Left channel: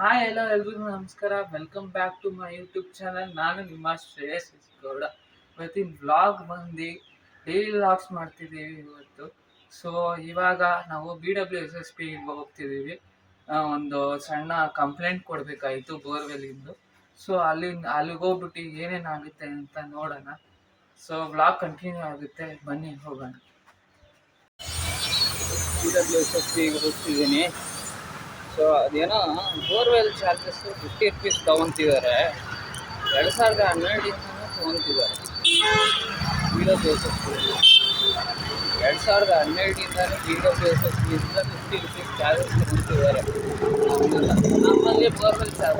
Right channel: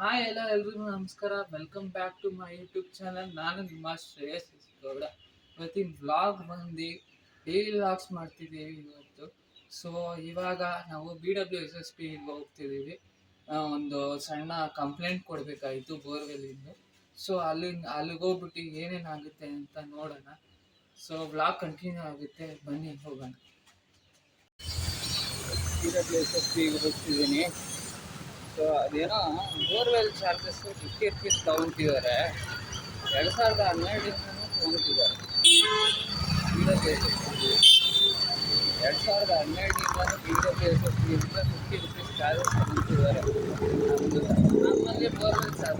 Hi ಎಲ್ಲ ಎಲ್ರಿಗೂ ನಮಸ್ಕಾರ. Welcome back to my YouTube channel. ನಾನು ನಿಮ್ಮ ಶ್ರೇಯಸ್ ಗೌಡ. ಇವತ್ತಿನ ವ್ಲಾಗ್ ಬಂದು ಡೈಲಿ ವ್ಲಾಗ್ಸ್ ಮಾಡ್ತಿದ್ದೀವಿ ಇವತ್ತು. ಸೊ ಇವಾಗ ನಾವು BWSSP ಹೋಗ್ತಿದ್ದೀವಿ. ಒಂದು ಸಣ್ಣ ಕಂಪ್ಲೇಂಟ್ ಕೊಡಬೇಕಾಯಿತು ಬೋರ್ವೆಲ್ಲಿಂದು. ಸೊ ಅಲ್ಲಿಗೆ ಹೋಗ್ಬಿಟ್ಟು ಏನೇನಾಗುತ್ತೆ ಅಂತ ನೋಡೋಣ. ಸೊ ವ್ಲಾಗ್ ಕಂಟಿನ್ಯೂ ಆಗುತ್ತೆ, ಬನ್ನಿ ಹೋಗೋಣ. BWSSP ಹೋಗ್ತಿದ್ದೀನಿ. ಸೊ ಅದೇನೋ ಬೋರ್ವೆಲ್ ಚಾರ್ಜಸ್ ₹50 ತೊಗೊತಿದ್ದಾರೆ. 2012ದಿಂದನೂ ತೊಗೊತಿದ್ದಾರೆ. BWSSP 2012ದಿಂದಲೂ BWSSPಯಿಂದ ₹50 ಚಾರ್ಜಸ್ ತೊಗೊತಿದ್ದಾರೆ. ನಮ್ಮಲ್ಲಿ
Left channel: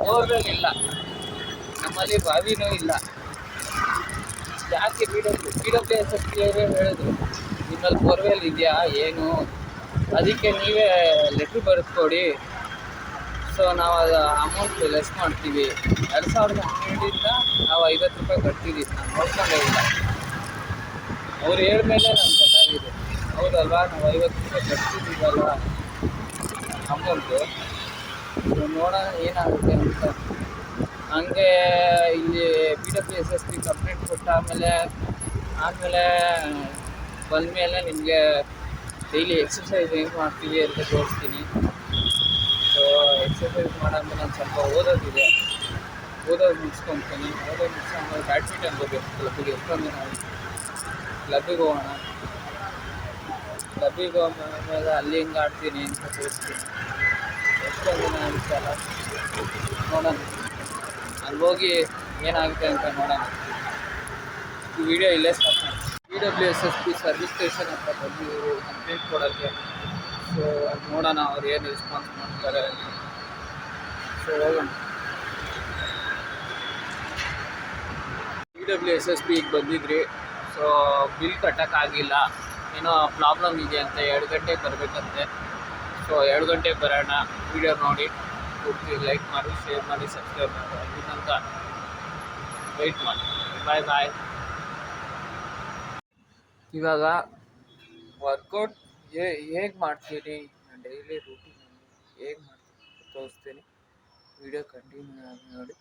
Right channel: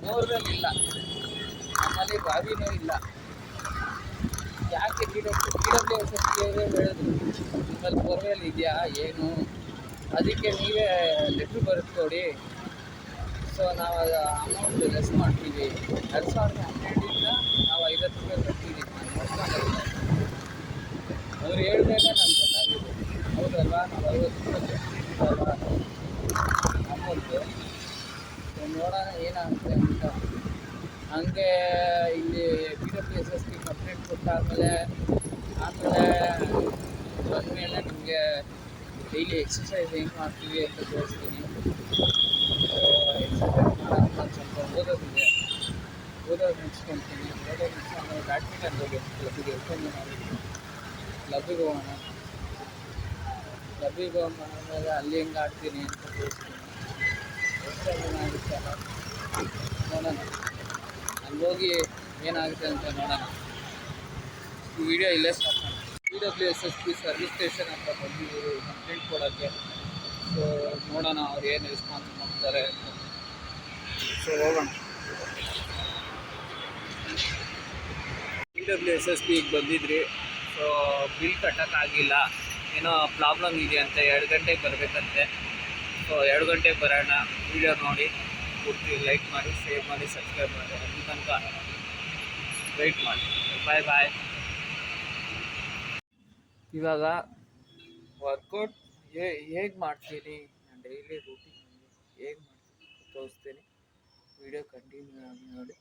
ಬೋರ್ವೆಲ್ ಇಲ್ಲ, ನಮ್ಮಲ್ಲಿ ಬಾವಿನೂ ಇಲ್ಲ. ಯಾಕೆ BWSSP ಅವರೇ ಹೇಳಿದ್ರು ನಿಮ್ಮಲ್ಲಿ ಬೋರ್ವೆಲ್ ಇದೆಯಾ ಏನು, ಅದಕ್ಕೆ ನೀವೇ ಲೆಟ್ರ್ ಬರೆದುಕೊಡಿ, ಸೊ ನಾವು ಅದು ಅಮೌಂಟ್ ಲೆಸ್ ಮಾಡ್ತೀವಿ. 2012ರಿಂದ ನಾವು ₹50 ಕಟ್ತಿದ್ದೀವಿ. ನೋಡ್ಕೊಂಡೇ ಇಲ್ಲ, ಅವ್ರು ಹೇಳ್ಮೇಲೆ ನಮ್ಗೆ ಗೊತ್ತಾಗಿದೆ. ಹೌದಲ್ವಾ, ನಾವು ₹50 ಕಟ್ತಿದ್ದೀವಲ್ವ ಅಮೌಂಟು. ನೋಡೋಣ ಏನಾಗುತ್ತೆ ಅಂತ. ಹಂಗೆ ಇಲ್ಲಿ BWSSP ಕಂಪ್ಲೇಂಟ್ ಕೊಟ್ಟಾದಮೇಲೆ ಬಂದಮೇಲೆ ನಿಮಗೆ ಡೈಲಿ ಎಕ್ಸಸೈಸ್ ಏನು ಮಾಡ್ತೀವಿ ಅಂತ ತೋರಿಸ್ತೀನಿ. ಸೊ ಎಕ್ಸಸೈಸ್ ಮಾಡೋಕ್ಕೆ ನಾನು ಸ್ವಲ್ಪ ಓದೋದು ಮುಗಿಸ್ಕೊತೀನಿ. ಮುಗಿಸ್ಕೊಂಡು ಬ್ಯಾಡ್ಮಿಂಟನ್ ಹೋಗಬೇಕು. ಕ್ಲಬ್ಬಿಗೆ ಎಷ್ಟೊಂದು ಕ್ಲಬ್ಬಿಗೆ ಹೋಗೋಣ. ಕ್ಲಬ್ಬಿಗೆ ಹೋದ್ಮೇಲೆ ಅಲ್ಲಿ ಹಿಂಗೆ ಆಡ್ತೀನಿ ಅಂತ ತೋರಿಸ್ತೀನಿ. ಎಷ್ಟೊಂದು ದಿನ ಆಗುತ್ತೆ ಅಲ್ಲ, ನೋಡೋಣ. ಅಲ್ಲಿ ಹೋಗಿ ಏನಾಗುತ್ತೆ ಅಂತ ನೋಡೋಣ. ಈ ವಿಡಿಯೋ ಇಲ್ಲೇ ಸ್ಟಾಪ್ ಮಾಡಿ. BWSSP ಸರ್ವಿಸ್ ಸ್ಟೇಷನ್ ಅಂತ ಬಂದು ಕಂಪ್ಲೇಂಟ್ ಕೊಡೋಕ್ಕೆ. ಸೊ ನೋಡೋಣ ಅವ್ರು ಏನು ರೆಸ್ಪಾನ್ಸ್ ಮಾಡ್ತಾರೆ. ಸೊ ಹೋಗೋಣ. BWSSPಗೆ ಬಂದಿದ್ರಿ. ಸೊ ಬಿಲ್ ಕಟ್ಟೋಕ್ಕಾಗಿಲ್ಲ, ಏನೋ ಪ್ರಾಬ್ಲಮ್ ಇದೆ ಅಂತ 2 ಗಂಟೆಗೆ ಬರಬೇಕಂತೆ. ಸೊ 2 ಗಂಟೆಗೆ ಬರೋಣ. ವಿಡಿಯೋ ನೋಡಿ ಪೂರ್ತಿ ಲೈಕ್ ಮಾಡಿ, ಶೇರ್ ಮಾಡಿ, ಸಬ್ಸ್ಕ್ರೈಬ್ ಮಾಡಿ. ಅಲ್ಲಿ ತನಕ ವೆಯ್ಟ್ ಮಾಡಿ. ಬಾಯ್ ಬಾಯ್. ಇವಾಗ ವರ್ಕೌಟ್ ಹೇಗೆ ಮಾಡ್ತೀನಿ, ನಾನು ಡೈಲಿ ರೂಟೀನ್ ಹೇಗೆ ಮಾಡ್ತೀನಿ ತೋರಿಸ್ತೀನಿ. ವಿಡಿಯೋ ಕಂಟಿನ್ಯೂ ಆಗಿ ನೋಡಿ.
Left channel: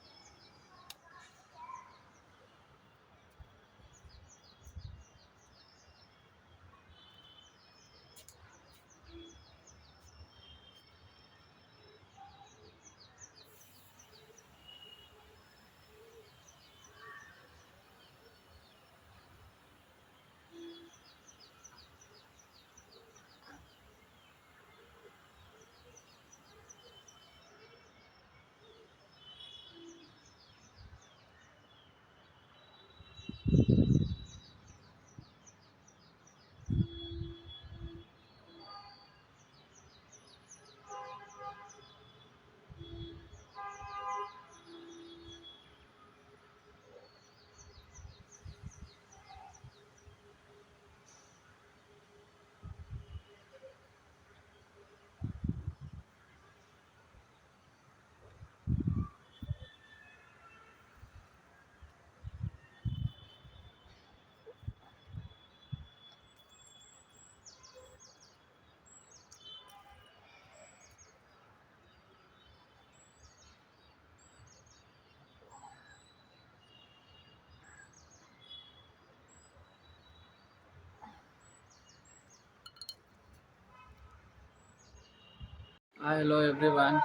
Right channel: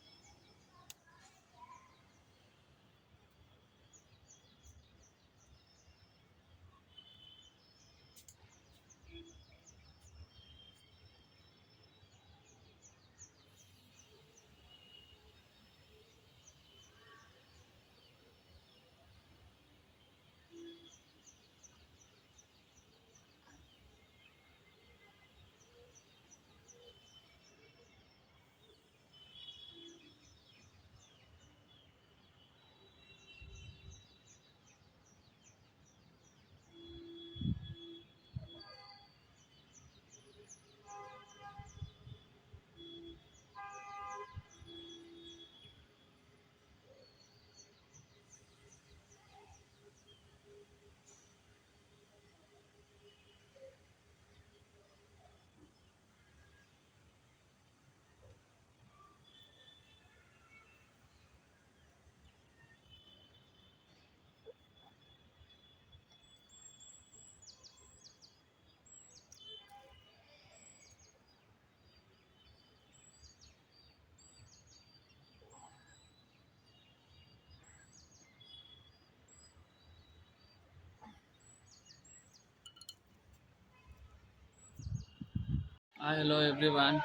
ಹಲೋ ಎವ್ರಿವಾನ್,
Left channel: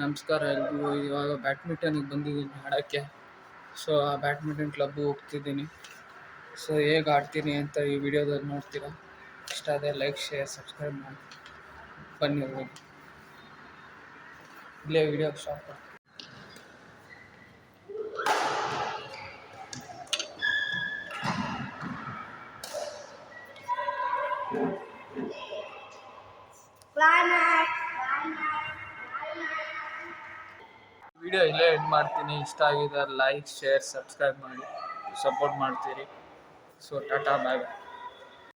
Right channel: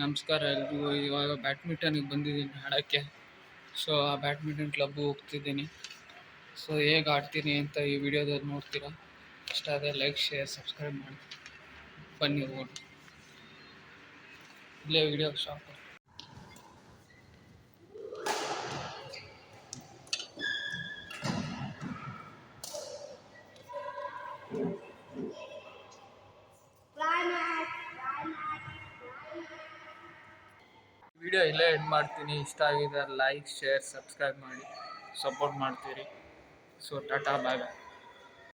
ನಮಸ್ಕಾರ ಎಲ್ರಿಗೂ. ಇವಾಗ ಬ್ಯಾಡ್ಮಿಂಟನಿಗೆ ಬಂದಿದ್ದೀನಿ ಆಡೋಕ್ಕೆ. ಸೊ ಆ ಬ್ಯಾಡ್ಮಿಂಟನ್ ಕ್ಲಬ್ಗೆ ಹೋಗ್ತಿದ್ದೀನಿ. ಸೊ ಹೇಗೆ ಆಡ್ತೀನಿ ಅಂತ ಈ ವಿಡಿಯೋದಲ್ಲಿ ನೋಡ್ತೀರಾ. ಇಷ್ಟ ಆದರೆ ಲೈಕ್, ಶೇರ್, ಸಬ್ಸ್ಕ್ರೈಬ್ ಮಾಡಿ. ಬನ್ನಿ ಹೋಗಿ. ಇಲ್ಲೇ ವಿಡಿಯೋ ಸ್ಟಾಪ್ ಮಾಡಿ. ವಿಡಿಯೋ ಇಲ್ಲೇ ಎಂಡ್ ಮಾಡ್ತೀನಿ. ಇಷ್ಟ ಆಗಿದ್ರೆ ಲೈಕ್, ಶೇರ್, ಸಬ್ಸ್ಕ್ರೈಬ್ ಮಾಡಿ, ಸಪೋರ್ಟ್ ಮಾಡ್ತೀರಿ. ಸೊ ಟಾಟಾ, ಬಾಯ್ ಬಾಯ್.